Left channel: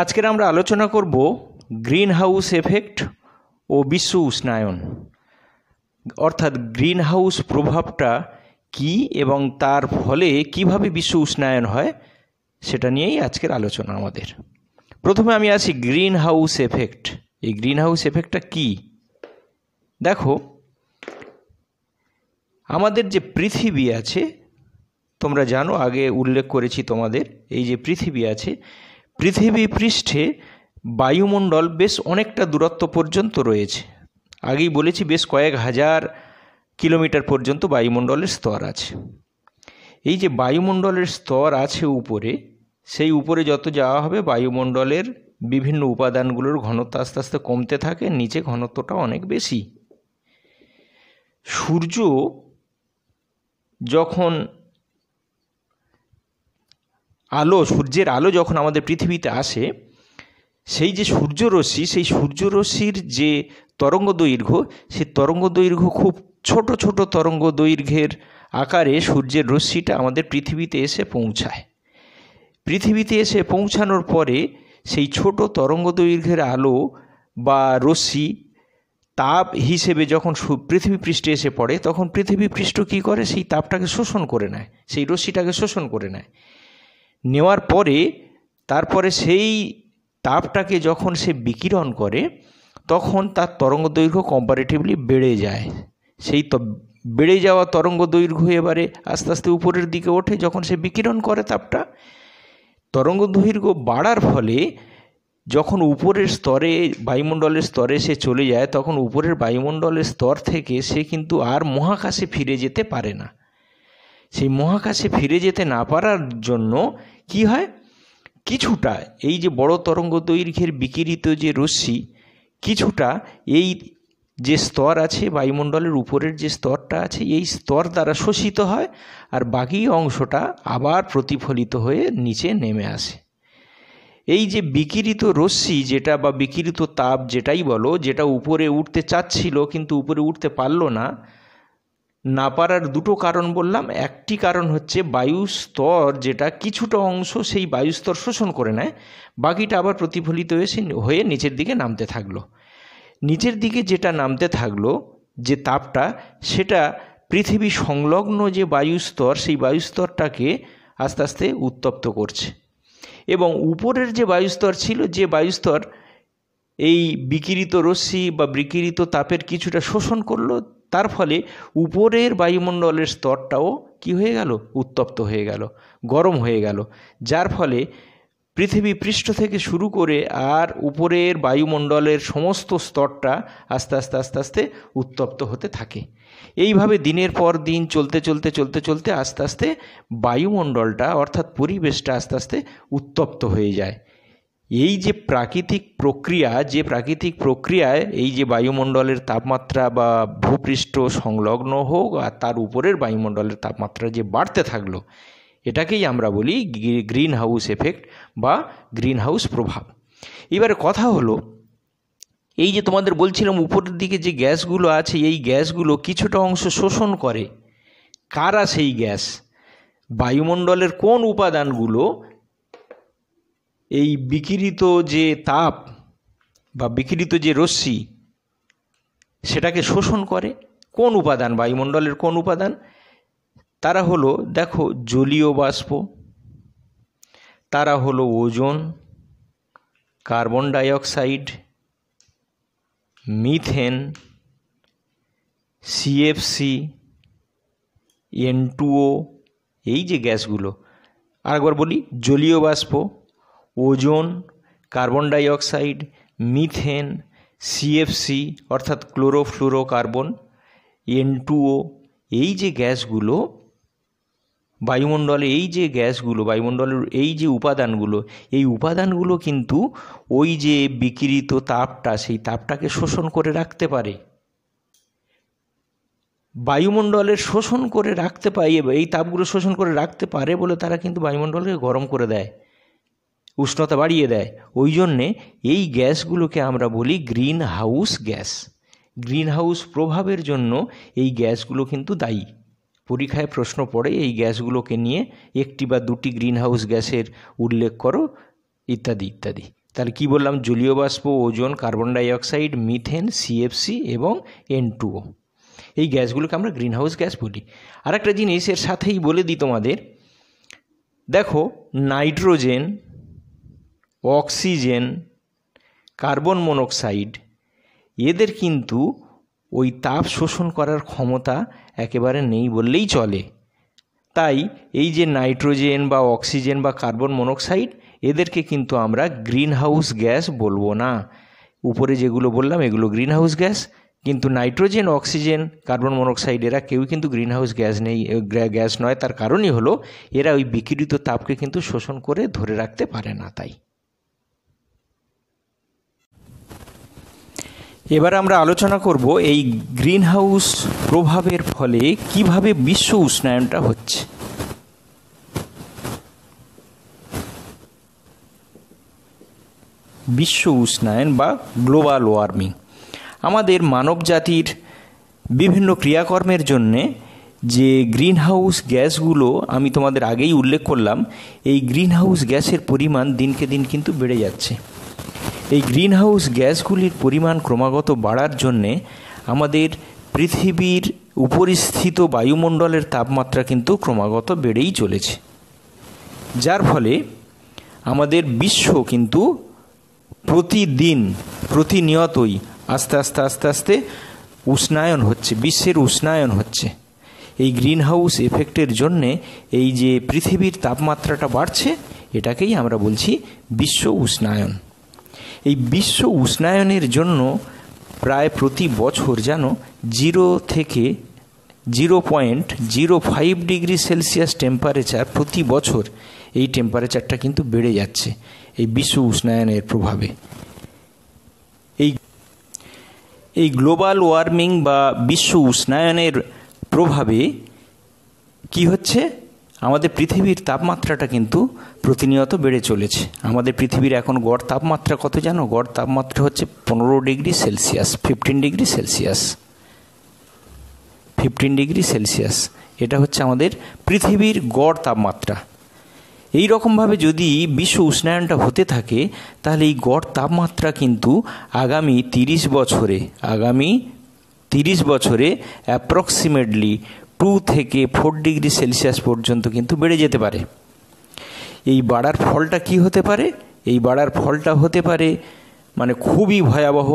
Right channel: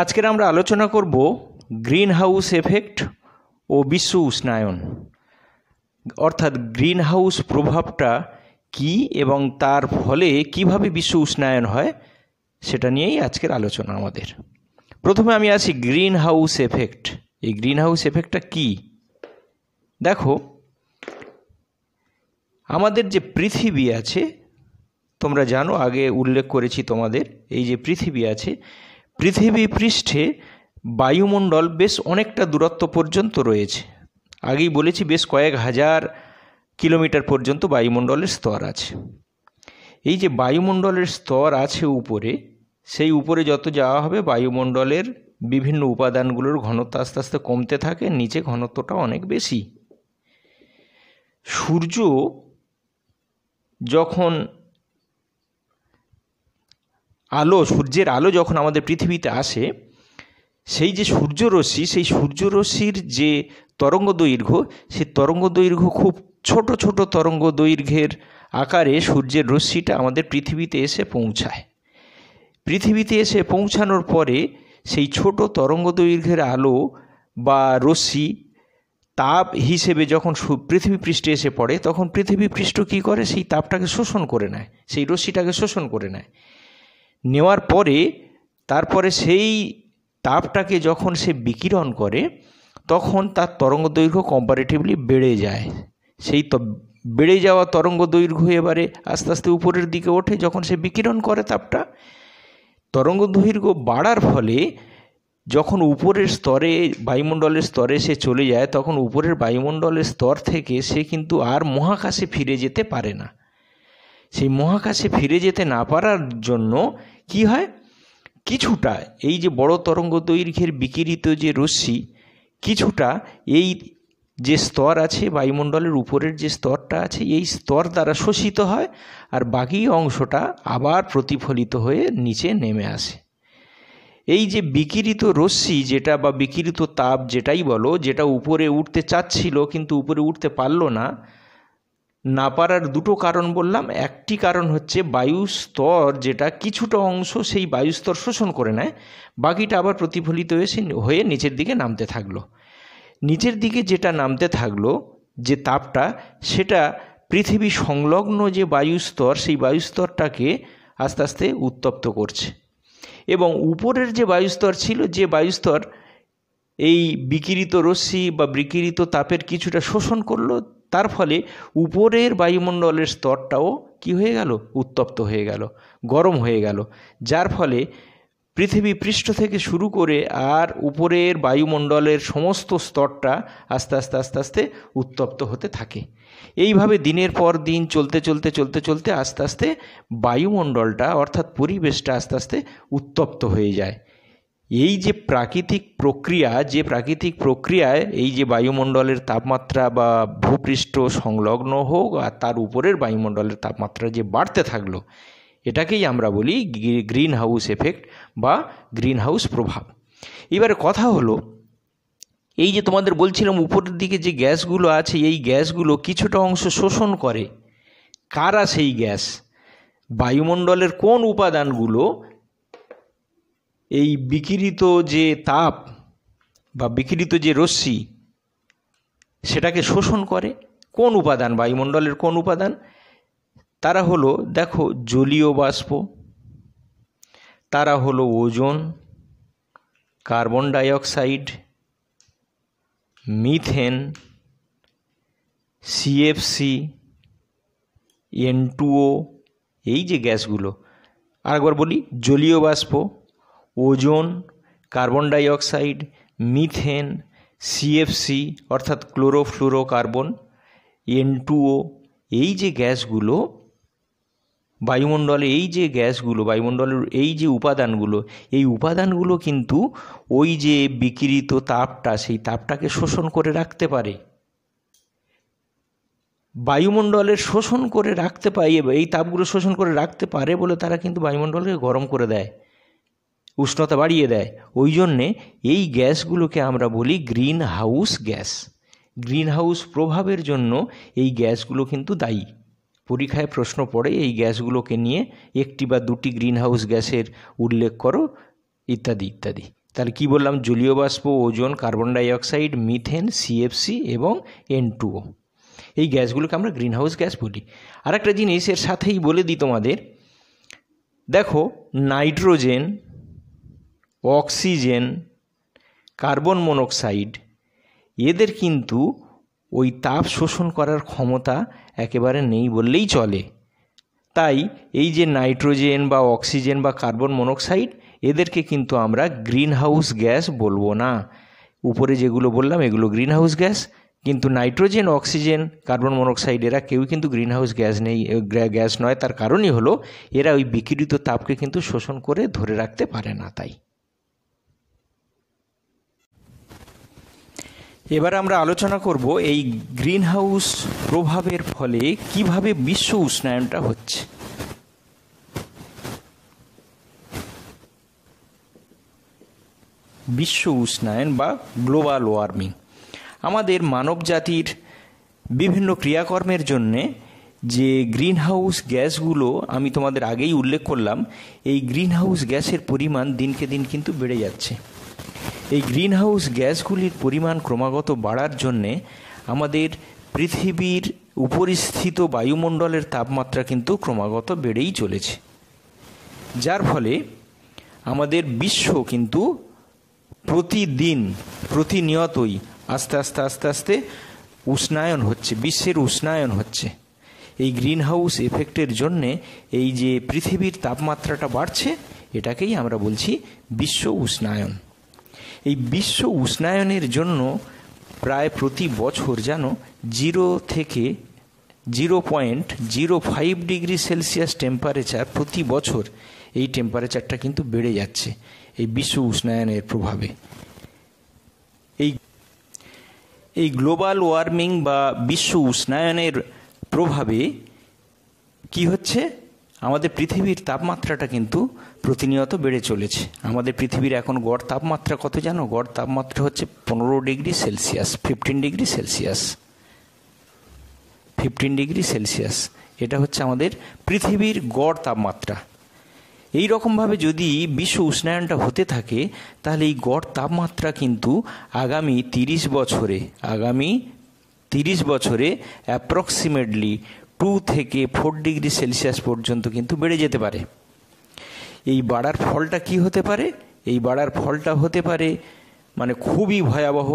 আজকের আমরা আলোচনা করব গ্রিন হাউস এফেক্ট ও বিশ্ব উষ্ণায়ন, অর্থাৎ গ্রিন হাউস প্রভাবটা কি এবং তার ফলে কিভাবে বিশ্ব উষ্ণায়ন হয় সেটা নিয়েই আজকের আলোচনা আমাদের। প্রথমে আমি আসি গ্রিন হাউস এফেক্ট। এই গ্রিন হাউস এফেক্টটা কি? দেখো, আমাদের যে পৃথিবী আছে, তোমরা জানো, আগে উল্লেখ করেছি তোমাদের, এই যে পৃথিবী আছে, পৃথিবী পৃষ্ঠে বায়ুমণ্ডল বেশ অনেকটা দূরত্ব পর্যন্ত রয়েছে। আগেই বলেছি বেশ কয়েক হাজার কিলোমিটার পর্যন্ত বায়ুমণ্ডলের স্তর আছে। এই যে বায়ুমণ্ডলের স্তর আছে উপরে, সেই উপরে যত যাওয়া হবে বায়ুমণ্ডলের বিভিন্ন উপাদানগুলোর ঘনত্ব আস্তে আস্তে কমতে থাকে, নিচে ঘনত্বটা অনেক বেশি। সূর্যের আলো যখন আমাদের পৃথিবীতে আসে, সেই যে সূর্যরশ্মি, সেই সূর্যরশ্মির যে তরঙ্গ দৈর্ঘ্য, সেই তরঙ্গ দৈর্ঘ্য খুব ছোট ছোট তরঙ্গ দৈর্ঘ্যের আকারে সূর্যের রশ্মিটা আমাদের পৃথিবীতে এসে পৌঁছায়। পৃথিবীতে এসে পৌঁছানোর পরে সেই ছোট তরঙ্গ দৈর্ঘ্যের আলো বা রশ্মি তাপ হিসেবে যখন পৃথিবী পৃষ্ঠে এসে পড়ে, তখন পৃথিবী পৃষ্ঠ কী করে? সেই তাপটাকে শোষণ করে নেয়, সেই রশ্মিটাকে শোষণ করে নেয়। নেওয়ার পরে তারপরে সেই তাপটাকে যখন সে বিকিরণ করে, তখন তার তরঙ্গ দৈর্ঘ্য কম্পারেটিভলি বেড়ে যায়। সেই বেড়ে যাওয়া তরঙ্গ দৈর্ঘ্য এবারে আস্তে আস্তে উপরের দিকে ওঠে। যখন সে বিকিরণ করে তাপটা, তরঙ্গ দৈর্ঘ্য বাড়ার ফলে যখন উপরের স্তরে, বায়ুমণ্ডলের স্তরে সে চলে যায়, তখন উপরের বায়ুমণ্ডলের স্তর থেকে সে কিন্তু আর মহাকাশে ফিরে যেতে পারে না। সেই মহাকাশে ফিরে যেতে না পারার জন্য কি হয়, কিছুটা এই যে বড় তরঙ্গ দৈর্ঘ্যের বিকিরিত যে রশ্মি, কিছুটা এই যে স্তর আছে বায়ুমণ্ডলের উপরের যে স্তরটা আছে, এই স্তর দ্বারা শোষিত হয়, আর বাকি অংশটা আবার প্রতিফলিত হয়ে নিচে নেমে আসে। এই যে বিকিরিত রশ্মি যেটা, বা বিকিরিত তাপ যেটাই বলো, যেটা উপরে উঠতে চাচ্ছিল কিন্তু উপরে উঠতে পারলো না পারার দুটো কারণ বললাম। একটি কারণ হচ্ছে বায়ুস্তর, যেটা কিছুটা অংশ সেই বায়ুস্তর শোষণ করে নেয়, বাকিটা আবার প্রতিফলিত হয়ে নিচের দিকে নামতে থাকলো। নিচের দিকে যেটা নামতে থাকলো, যে তাপটা, সেটা পৃথিবী সংলগ্ন যে বায়ুস্তর, সেই বায়ুস্তরটাকে আস্তে আস্তে উত্তপ্ত করছে। এবং উপরের যে বায়ুস্তর ছিল, যে বায়ুস্তর এই বিকিরিত রশ্মি বা বিকিরিত তাপের কিছুটা শোষণ করলো, তার ফলে উপরের বায়ুমণ্ডলের স্তরটাও কি হয়ে গেল? উত্তপ্ত হয়ে গেল, গরম হয়ে গেল, যার ফলে পৃথিবী পৃষ্ঠ থেকে শুরু করে আর উপরের বায়ুমণ্ডলের সমস্ত স্তরটা আস্তে আস্তে আস্তে আস্তে উত্তপ্ত হতে থাকে। এইভাবে দিনের পর দিন চলতে চলতে চলতে চলতে আস্তে আস্তে বায়ুমণ্ডলটা, অর্থাৎ পরিবেশটা আস্তে আস্তে উত্তপ্ত হয়ে যায়। এই যে প্রাকৃতিক প্রক্রিয়ায় এই যে বায়ুমণ্ডলের তাপমাত্রা বা ভূপৃষ্ঠ সংলগ্ন হোক আর তার উপরের বায়ুমণ্ডলের তাপমাত্রা যে বাড়তে থাকলো, এটাকেই আমরা বলি গ্রিন হাউস এফেক্ট বা গ্রিন হাউস প্রভাব। এবারে কথা হলো, এই যে তোমাদের বলছিলাম উপরের দিকে যে গ্যাসগুলো আছে, এই গ্যাসগুলো কিছুটা অংশ শোষণ করে। কারা সেই গ্যাস? বায়ুমণ্ডলের কোন উপাদানগুলো এই বিকিরিত যে তাপ বা বিকিরিত যে রশ্মি, সেটাকে শোষণ করে? কোন উপাদান, বায়ুমণ্ডলের কোন উপাদান? তারা হলো, দেখো, জলীয় বাষ্প, তারা হলো ozone, carbon dioxide, methane, CFC, N2O, এই যে গ্যাসগুলো। আরেকবার বলি, জলীয় বাষ্প, ozone, carbon dioxide, methane, CFC অর্থাৎ ক্লোরোফ্লুরোকার্বন, N2O, এই যে গ্যাসগুলো বায়ুমণ্ডলে, এই যে গ্যাসগুলো বায়ুমণ্ডলের এই যে উপাদানগুলো, এই উপাদানগুলো কিন্তু ওই যে বিকিরিত তাপটা, সেই তাপটাকে শোষণ করে রাখতে পারে। বায়ুমণ্ডলের শোষণ করে রাখতে পারে, এই তাপগুলো শোষণ করে রাখতে পারে বলে তারা কিন্তু বায়ুমণ্ডলকে গরম করে দেয়, উষ্ণতা বাড়িয়ে দেয়। ওই জন্যে এই গ্যাসগুলোকে আমরা বলি green house gas. Green house প্রভাবের জন্য এই গ্যাসগুলো কিন্তু দায়ী। পরীক্ষায় প্রশ্ন পড়ে এই গ্যাসগুলোকে নিয়ে একটি বা দুটি গ্রিন হাউস গ্যাসের উল্লেখ করো, ইত্যাদি ইত্যাদি। তাহলে কি বললাম? জলীয় বাষ্প, ozone, carbon dioxide, methane, CFC এবং N2O, এই গ্যাসগুলোকে আমরা গ্রিন হাউস গ্যাস বলি। আর একটা জিনিস এর সাথেই বলে দিই তোমাদের, দেখো নাইট্রোজেন, অক্সিজেন, কার্বন মনোক্সাইড, এদের কিন্তু ওই তাপ শোষণ করার ক্ষমতা একেবারে নেই বললেই চলে। তাই এই যে নাইট্রোজেন বা অক্সিজেন বা কার্বন মনোক্সাইড, এদেরকে কিন্তু আমরা গ্রিন হাউস গ্যাস বলবো না। উপরে যেগুলো বললাম এগুলো গ্রিন হাউস গ্যাস, কিন্তু নাইট্রোজেন, অক্সিজেন, কার্বন মনোক্সাইড এরা কেউ কিন্তু গ্রিন হাউস গ্যাস নয়। তার কারণই হলো এরা ওই বিকিরিত তাপকে কিন্তু শোষণ করে ধরে রাখতে পারে না। তাই এবার আমরা আলোচনা করব এই গ্রিন হাউস প্রভাবের ফলে কিভাবে বিশ্ব উষ্ণায়নটা হচ্ছে। বিশ্ব উষ্ণায়ন বা গ্লোবাল ওয়ার্মিং আমাদের মানব জাতির বিভিন্ন ক্রিয়াকর্মের জন্যে যে গ্রিন হাউস গ্যাসগুলো আমি তোমাদের আগেই উল্লেখ করলাম, এই গ্রিন হাউস গ্যাসের পরিমাণ দিনকে দিন কিন্তু বেড়ে যাচ্ছে। এই গ্রিন হাউস গ্যাসগুলির পরিমাণ ক্রমাগত বাড়ার জন্যে আমাদের পৃথিবীর উপরিস্থিত বায়ুমণ্ডলের তাপমাত্রা কিন্তু ক্রমাগত বেড়েই চলেছে, যার ফলে আমাদের বিশ্ব কিন্তু প্রতিনিয়তই আস্তে আস্তে উষ্ণায়ন হচ্ছে, বিশ্বের উষ্ণায়ন হচ্ছে। এই গ্রিন হাউস এফেক্টের জন্যে এই যে পৃথিবীর তাপমাত্রাটা বাড়ছে, এটাকেই আমরা বলছি বিশ্ব উষ্ণায়ন। এই বিশ্ব উষ্ণায়নের জন্য প্রায় প্রতি বছর যেন 0 থেকে 0.05 ডিগ্রি সেলসিয়াস টেম্পারেচার প্রতি বছর এই টেম্পারেচারটা কিন্তু বেড়ে যাচ্ছে এই বিশ্ব উষ্ণায়নের প্রভাবে। এই গ্লোবাল ওয়ার্মিং বা বিশ্ব উষ্ণায়নের প্রভাবে কি হচ্ছে? আমাদের পৃথিবীর তাপমাত্রাটা কিন্তু প্রতিনিয়ত বেড়ে চলেছে। আমাদের পৃথিবীর এখন গড় তাপমাত্রা কত জানো? গড় তাপমাত্রা হচ্ছে 15 degree Celsius, 15 degree Celsius, 15 degree Celsius. এটা হচ্ছে আমাদের পৃথিবীর গড় তাপমাত্রা। এই রকমভাবে যদি বিশ্ব উষ্ণায়নটা হতে থাকে, তাহলে এই গড় তাপমাত্রা কিন্তু আগামী 30 বছরে অ্যাপ্রক্সিমেটলি 2 থেকে 4 ডিগ্রি সেলসিয়াস পর্যন্ত কিন্তু বেড়ে যেতে পারে। এই বাড়ার ফলটা কি হতে পারে? এই বাড়ার ফলটা হতে পারে মানে খুবই ভয়াবহ।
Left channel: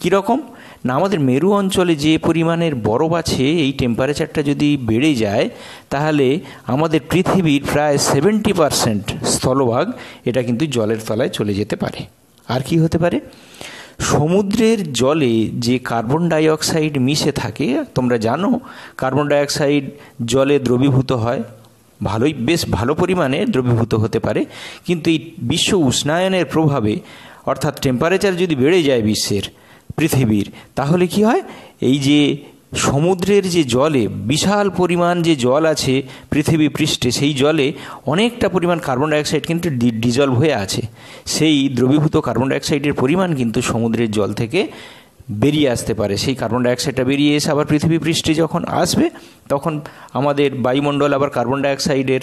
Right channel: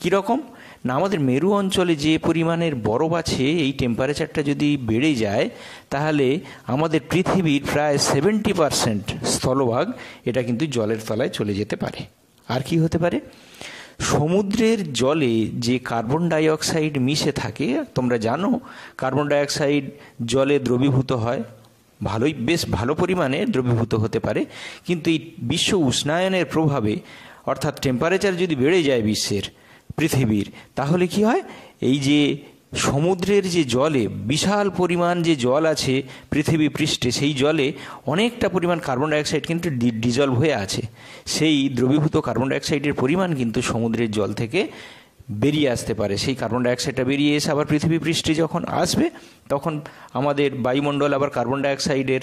কীরকম না, আমাদের মেরু অঞ্চলে যে পরিমাণের বরফ আছে, এই টেম্পারেচারটা যদি বেড়ে যায়, তাহলে আমাদের পৃথিবীর প্রায় 70% স্থলভাগ এটা কিন্তু জলের তলায় চলে যেতে পারে। আর কি হতে পারে? সমুদ্রের জলে যে কার্বন ডাইঅক্সাইড মিশে থাকে, তোমরা জানো কার্বন ডাইঅক্সাইড জলে দ্রবীভূত হয়, বেশ ভালো পরিমাণে দ্রবীভূত হতে পারে। কিন্তু এই বিশ্ব উষ্ণায়নের প্রভাবে, অর্থাৎ টেম্পারেচার যদি বেড়ে যায় পৃথিবীর, তাহলে কি হয়? এই যে সমুদ্রের যে জলে বিশাল পরিমাণ যে জল আছে পৃথিবী পৃষ্ঠে, সেই জলে অনেকটা পরিমাণ কার্বন ডাইঅক্সাইড কিন্তু ডিজলভ হয়ে আছে। সেই দ্রবীভূত কার্বন ডাইঅক্সাইডের পরিমাণ কিন্তু সমুদ্রের জল থেকে বেরিয়ে আসতে পারে। সেই কার্বন ডাইঅক্সাইডটা বেরিয়ে এসে আবার পৃথিবী পৃষ্ঠে যখন আসবে, তখন আমাদের বায়ুমণ্ডল আবার কার্বন ডাইঅক্সাইডের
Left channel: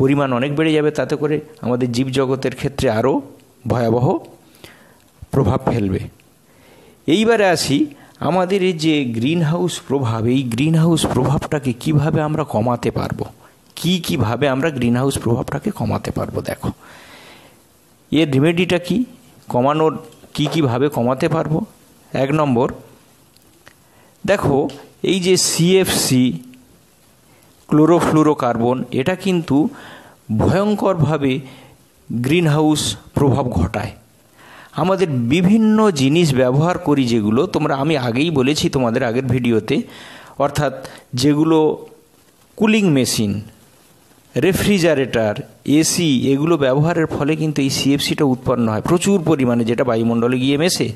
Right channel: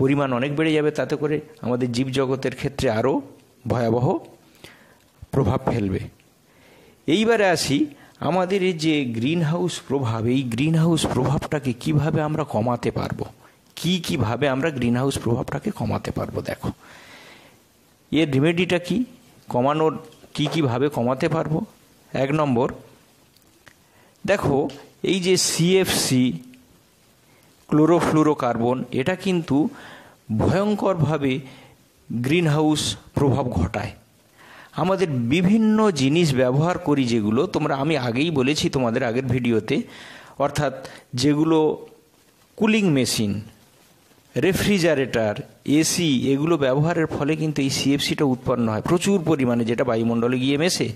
পরিমাণ অনেক বেড়ে যাবে। তাতে করে আমাদের জীবজগতের ক্ষেত্রে আরও ভয়াবহ প্রভাব ফেলবে। এইবারে আসি আমাদের এই যে গ্রিন হাউস প্রভাব, এই গ্রিন হাউস প্রভাবটাকে কিভাবে আমরা কমাতে পারবো, কিভাবে আমরা গ্রিন হাউস প্রভাবটাকে কমাতে পারবো। দেখো এর রেমেডিটা কি, কমানোর কিভাবে কমাতে পারবো। 1 নম্বর, দেখো এই যে সিএফসি, ক্লোরোফ্লুরোকার্বন, এটা কিন্তু ভয়ঙ্করভাবে গ্রিন হাউস প্রভাব ঘটায়। আমাদের বিভিন্ন জিনিস ব্যবহার করি যেগুলো আমি আগেই বলেছি তোমাদের আগের ভিডিওতে, অর্থাৎ যেগুলো কুলিং মেশিন, রেফ্রিজারেটর, এসি, এগুলো ব্যবহারের ফলে কিন্তু এই সিএফসিটা উৎপন্ন হয় প্রচুর পরিমাণে, যেটা বায়ুমণ্ডলে গিয়ে মেশে।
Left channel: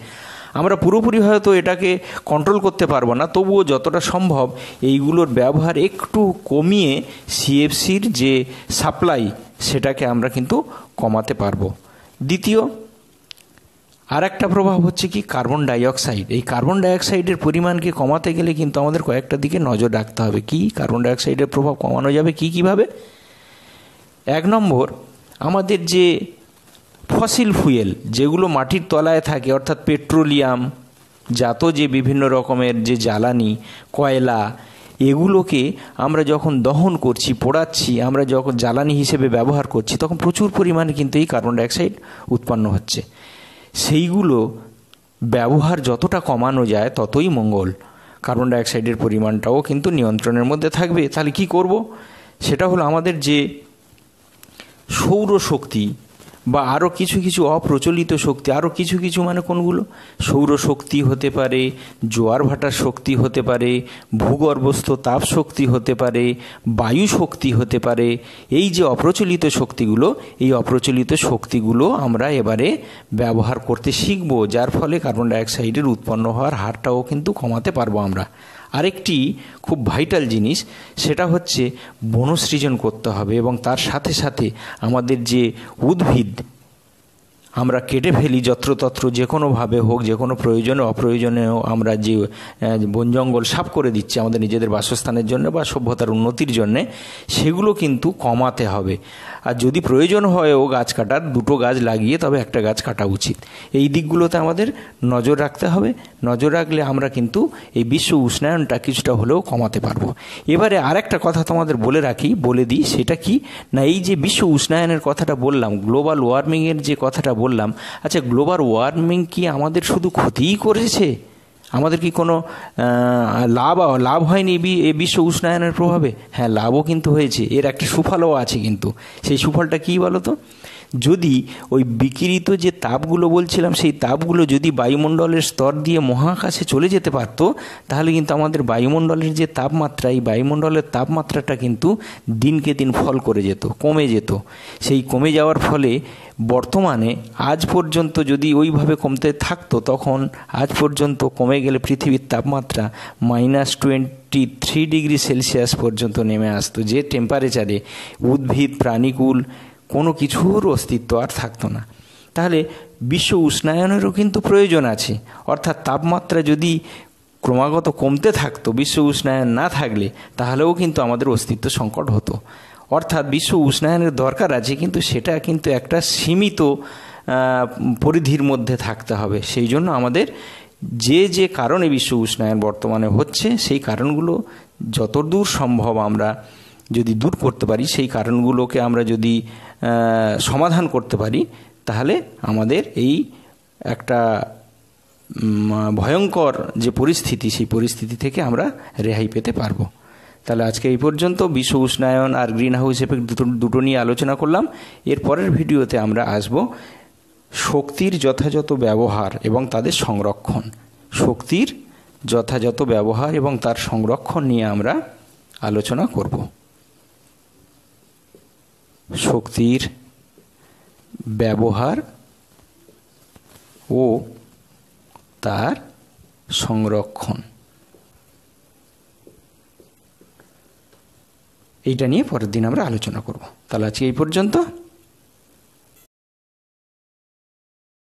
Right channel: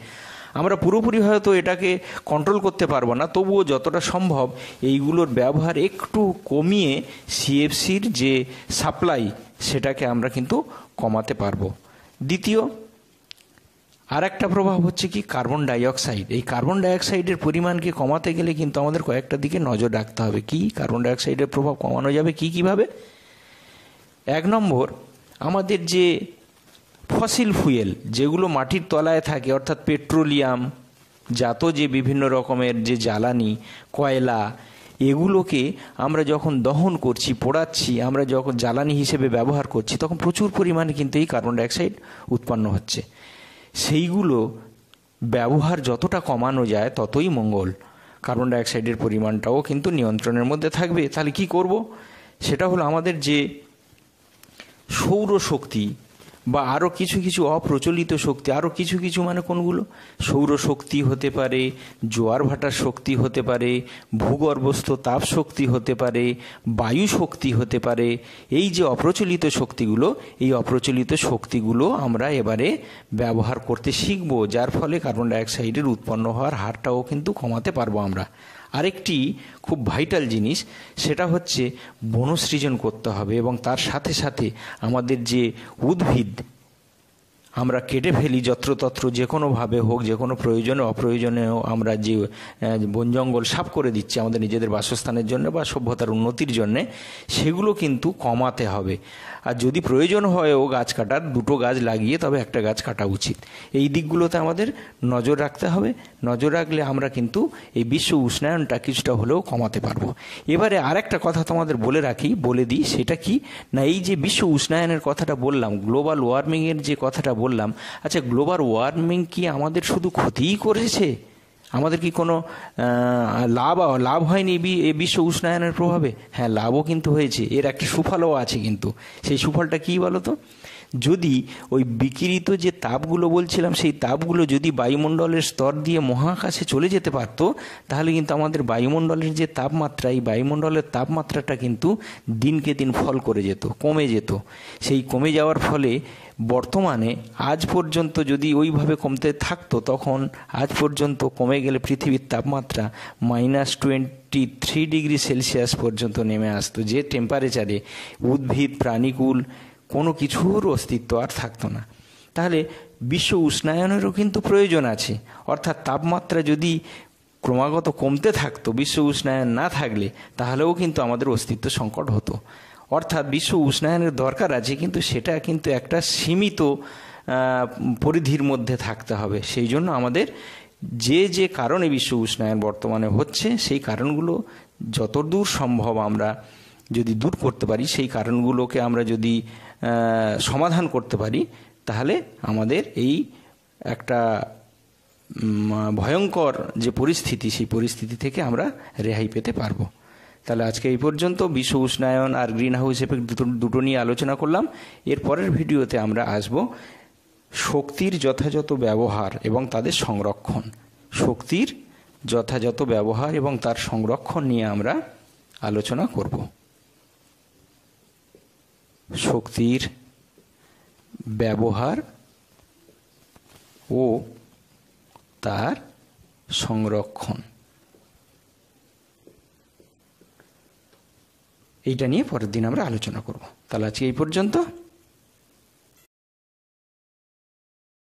আমরা পুরোপুরি হয়তো এটাকে কন্ট্রোল করতে পারবো না, তবুও যতটা সম্ভব এইগুলোর ব্যবহার একটু কমিয়ে সিএফসির যে সাপ্লাই, সেটাকে আমরা কিন্তু কমাতে পারবো। দ্বিতীয় আর একটা প্রভাব হচ্ছে কি, কার্বন ডাইঅক্সাইড। এই কার্বন ডাইঅক্সাইডের পরিমাণকে কমাতে গেলে কিন্তু আমাদের কয়েকটা দিকে নজর রাখতে হবে। কি কার্বন ডাইঅক্সাইডের প্রভাব কমানো যাবে কিভাবে? 1 নম্বর, আমাদের যে ফসিল ফুয়েল যেগুলো মাটির তলায় থাকে, অর্থাৎ পেট্রোলিয়াম জাত যে বিভিন্ন রকমের যে জ্বালানি, কয়লা, এগুলোকে আমরা যখন দহন করছি, পোড়াচ্ছি, আমরা যখন জ্বালানি হিসেবে ব্যবহার করছি, তখন প্রচুর পরিমাণে কিন্তু এই কার্বন ডাইঅক্সাইড উৎপন্ন হচ্ছে। সেইগুলো ব্যবহার যতটা কমানো যায় ততই মঙ্গল। কার্বন ডাইঅক্সাইডের পরিমাণটাও কিন্তু নিয়ন্ত্রণের মধ্যে থাকবে। তাহলে কি করব? সেটা হলো আমাদের যে সৌরশক্তি বা আরও কিছু কিছু অপ্রচলিত শক্তি, আরও কিছু কিছু মানে কোনগুলো? সৌরশক্তি হতে পারে, জোয়ার ভাটার শক্তি হতে পারে, ভূগর্ভস্থ তাপ শক্তি হতে পারে, বায়ু শক্তি হতে পারে। এই যে অপ্রচলিত শক্তিগুলো, এই অপ্রচলিত শক্তিগুলো আমরা এবারে ব্যবহার করতে শিখব, যার ফলে কার্বন ডাইঅক্সাইডের উৎপন্ন হওয়ার হারটাও কিন্তু কমাতে পারবো আমরা। আরেকটি খুব ভাইটাল জিনিস, সেটা হচ্ছে বনসৃজন করতে হবে, এবং তার সাথে সাথে আমাদের যে উদ্ভিদ আমরা কেটে ফেলি যত্রতত্র, যে কোনোভাবে হোক, যে কোনো প্রয়োজনে অপ্রয়োজনেও আমরা যে বন জঙ্গল সাফ করে দিচ্ছি আমাদের নিজেদের বাসস্থানের জন্য বা সভ্যতার উন্নতির জন্যে, সেগুলো কিন্তু কমাতে হবে। আর যদি প্রয়োজন হয়ও গাছ কাটার, দুটো গাছ লাগিয়ে তবে একটা গাছ কাটা উচিত। এই দিকগুলোতে আমাদের নজর রাখতে হবে। নজর রাখলে আমরা কিন্তু এই বিশ্ব উষ্ণায়নটা কিছুটা হলেও কমাতে পারবো। এবারে আরেকটা কথা তোমাদের বলে দিই, সেটা কি না, এই যে বিশ্ব উষ্ণায়নের কথাটা বললাম, গ্লোবাল ওয়ার্মিংয়ের যে কথাটা বললাম, আচ্ছা গ্লোবাল ওয়ার্মিং কি আমাদের শুধু ক্ষতিই করেছে? আমাদের কি কোনো লাভ হয়নি এই বিশ্ব উষ্ণায়নের প্রভাবে? হ্যাঁ, লাভও কিন্তু হয়েছে, এর একটা সুফলও আছে। কিন্তু সেই সুফলটা কী বলো তো? যদি ওই বিকিরিত যে তাপগুলো বলছিলাম, সেই তাপগুলো যদি বায়ুমণ্ডলের স্তর দিয়ে মহাকাশে চলে যেতে পারত, তাহলে কিন্তু আমাদের বায়ুমণ্ডলের যে তাপমাত্রা, এই বায়ুমণ্ডলের তাপমাত্রাটা কিন্তু দিনকে দিন ফল করে যেত, কমে যেত। সেই কমে যাওয়ার ফলে বর্তমানে আজ পর্যন্ত যদি ওইভাবে কমতে থাকতো, তখন আজ পর্যন্ত কমে গেলে পৃথিবীর তাপমাত্রা -23 ডিগ্রি সেলসিয়াস পর্যন্ত নেমে আসতো, যে টেম্পারেচারে উদ্ভিদ প্রাণীকুল কোনো কিছুর অস্তিত্ব আর থাকতো না। তাহলে বিশ্ব উষ্ণায়নেরও কিন্তু প্রয়োজন আছে, অর্থাৎ তাপমাত্রা যদি ক্রমাগত কমতে থাকতো, বিশ্ব উষ্ণায়ন না থাকলে, তাহলেও কিন্তু আমাদের অস্তিত্ব সংকট হতো। অর্থাৎ বিশ্ব উষ্ণায়নের দরকার আছে, কিন্তু সেটা কিন্তু একটা সীমিত পরিধির মধ্যে থাকতে হবে। সেই জন্য আমাদের যে কারণে বিশ্ব উষ্ণায়ন বর্তমানে হচ্ছে, সেই কারণগুলো যতদূর সম্ভব আমরা যদি দূর করতে পারি, সেই কারণগুলোকে আমরা যদি সমাধান করতে পারি, তাহলে আমাদের এই একটা ভয়ঙ্কর যে পরিস্থিতি, সেই পরিস্থিতি থেকে আমরা রেহাই পেতে পারবো। তাহলে আজকে এই পর্যন্ত বিশ্ব উষ্ণায়ন আর গ্রিন হাউস এফেক্ট দুটো নিয়ে আলোচনা করলাম। এর পরের ভিডিওতে আমরা আসব শক্তির যথাযথ ব্যবহার এবং তাদের সংরক্ষণ। শক্তির যথাযথ ব্যবহার এবং তার সংরক্ষণ নিয়ে আমরা আলোচনা করব। শক্তির ব্যবহার ও তার সংরক্ষণ, এইটা নিয়ে পরের দিন আমরা আলোচনা করব। তাহলে আজকে এই পর্যন্ত।